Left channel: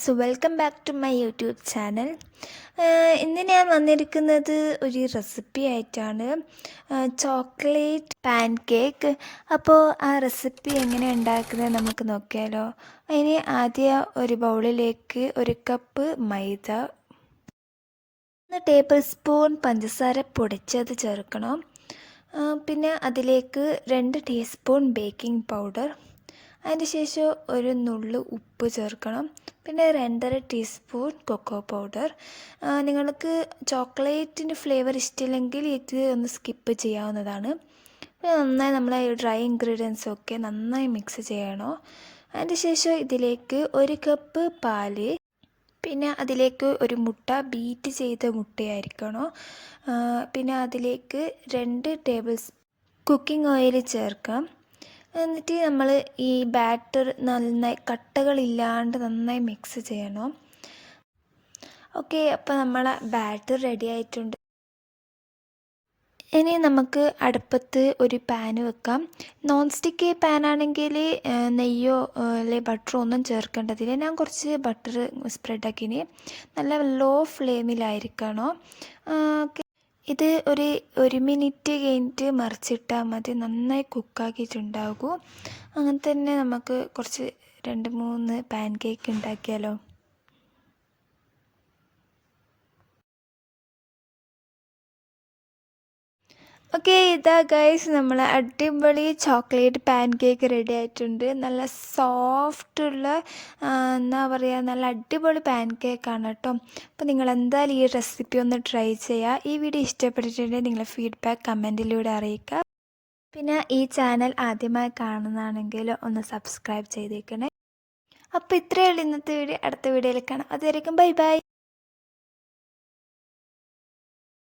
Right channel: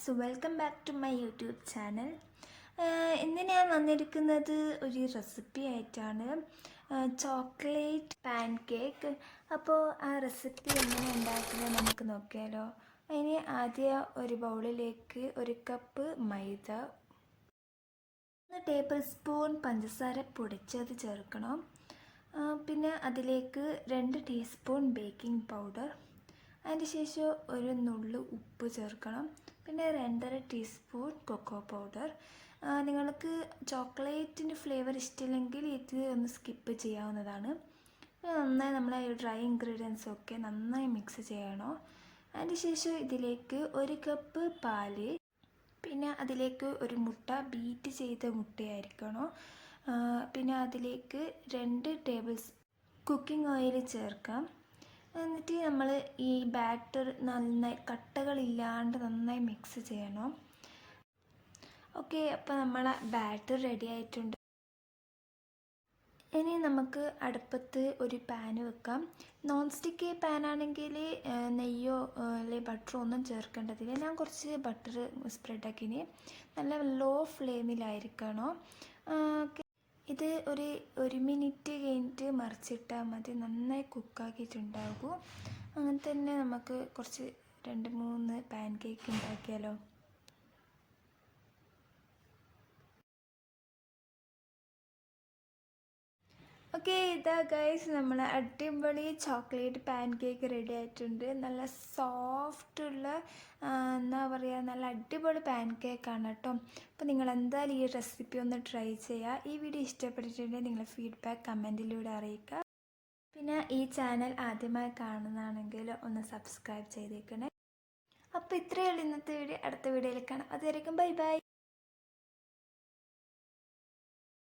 Guys, welcome back to my YouTube channel. ഇന്ന് ഞാൻ വന്നിരിക്കുന്നത് ഒരു റെസിപ്പി ആയിട്ടാണ്, ചോക്ലേറ്റ് പാൻ കേക്ക്. അപ്പോൾ ആ റെസിപ്പി എങ്ങനെ ഉണ്ടാക്കുന്നത് നമുക്ക് നോക്കിയാലോ. അതിന് ആദ്യം ഒരു ബൗളിലേക്ക് 1 കപ്പ് മൈദ, 1 ടേബിൾ സ്പൂൺ പഞ്ചസാര പൊടിച്ചത് ചേർക്കണം. പിന്നെ അതിലേക്ക് 2 ടീസ്പൂൺ ബേക്കിംഗ് പൗഡർ, അതിന് ശേഷം ഒരു നുള്ളു ഉപ്പ് ചേർക്കണം. പിന്നെ 2.5 ടീസ്പൂൺ കൊക്കോ പൗഡർ. നിങ്ങൾക്ക് ചോക്ലേറ്റിൻ്റെ ഫ്ലേവർ ഇഷ്ടമില്ലെങ്കിൽ ഇത് ഒന്ന് സ്കിപ്പ് ചെയ്യാവുന്നതാണ്. പിന്നെ നന്നായി നമ്മൾ ഡ്രൈ ഇൻഗ്രീഡിയൻസൊക്കെ നന്നായി മിക്സ് ചെയ്യണം. അതിന് ശേഷം ഇതിലേക്ക് 1 കപ്പ് പാല്, പിന്നെ അതിലേക്ക് ഒരു മുട്ട, ബീറ്റ് ചെയ്ത മുട്ടയായിരിക്കണം. പിന്നെ അതിലേക്ക് 2 ടേബിൾ കുക്കിംഗ് ഓയിൽ ചേർക്കാം. എന്നിട്ട് നമ്മൾ ഈ ബാറ്റർ നന്നായി കട്ടകളില്ലാണ്ട് നന്നായി മിക്സ് ചെയ്യണം. ഓക്കെ, അപ്പോൾ നമ്മളെ ബാറ്റർ റെഡി ആയിട്ടുണ്ട്. ഇനി നമുക്ക് അടുപ്പത്ത് ഒരു പാന് വെക്കാം. നോൺ സ്റ്റിക്ക് പാനാണെങ്കിൽ നെയ്യോ അല്ലെങ്കിൽ ബട്ടറോ ഒന്നും ചേർക്കേണ്ടതില്ല. ഞാൻ കുറച്ച് ബട്ടർ സ്പ്രെഡാക്കിനി. നല്ല ലോ ഫ്ലെയിമിലായിരിക്കണം. ഓക്കെ, ഇത് ഒരു മിനിറ്റ് കഴിഞ്ഞിട്ട് മറിച്ചിട്ടാൽ മതി, നന്നായി കുക്കാക്കിയിട്ടുണ്ടാകും. അങ്ങനെ തന്നെ നമുക്ക് കുറച്ച് 2-3 പാൻ കേക്ക് ഉണ്ടാക്കിയാലോ. ഓക്കെ, ഇതാ ഗൈസ്, നമ്മൾ അടിപൊളി ചോക്ലേറ്റ് പാൻ കേക്ക് റെഡി ആയിട്ടുണ്ട്. നല്ല സോഫ്റ്റുള്ള എന്താ പറയുക, നല്ല അടിപൊളി പാൻ കേക്കാണ് കേട്ടോ. അപ്പോൾ നിങ്ങൾ എന്തായാലും ഈ റെസിപ്പി ഒന്ന് ട്രൈ ചെയ്യുക. ഈ വീഡിയോ ഇഷ്ടപ്പെട്ടിട്ടുണ്ടെങ്കിൽ നിങ്ങളുടെ ഫീഡ്ബാക്ക് കമൻറ്റിലൂടെ അറിയിക്കുക. പിന്നെ ഈ ചാനൽ ആദ്യമായി കാണുന്നതാണെങ്കിൽ ഒന്ന് സബ്സ്ക്രൈബ് ചെയ്തേക്കണേ. അപ്പോൾ ഇത്രയേ ഉള്ളൂ ഇന്നത്തെ വീഡിയോ. അടുത്ത വീഡിയോയിൽ കാണാം. അതുവരെയും ബൈ ബൈ.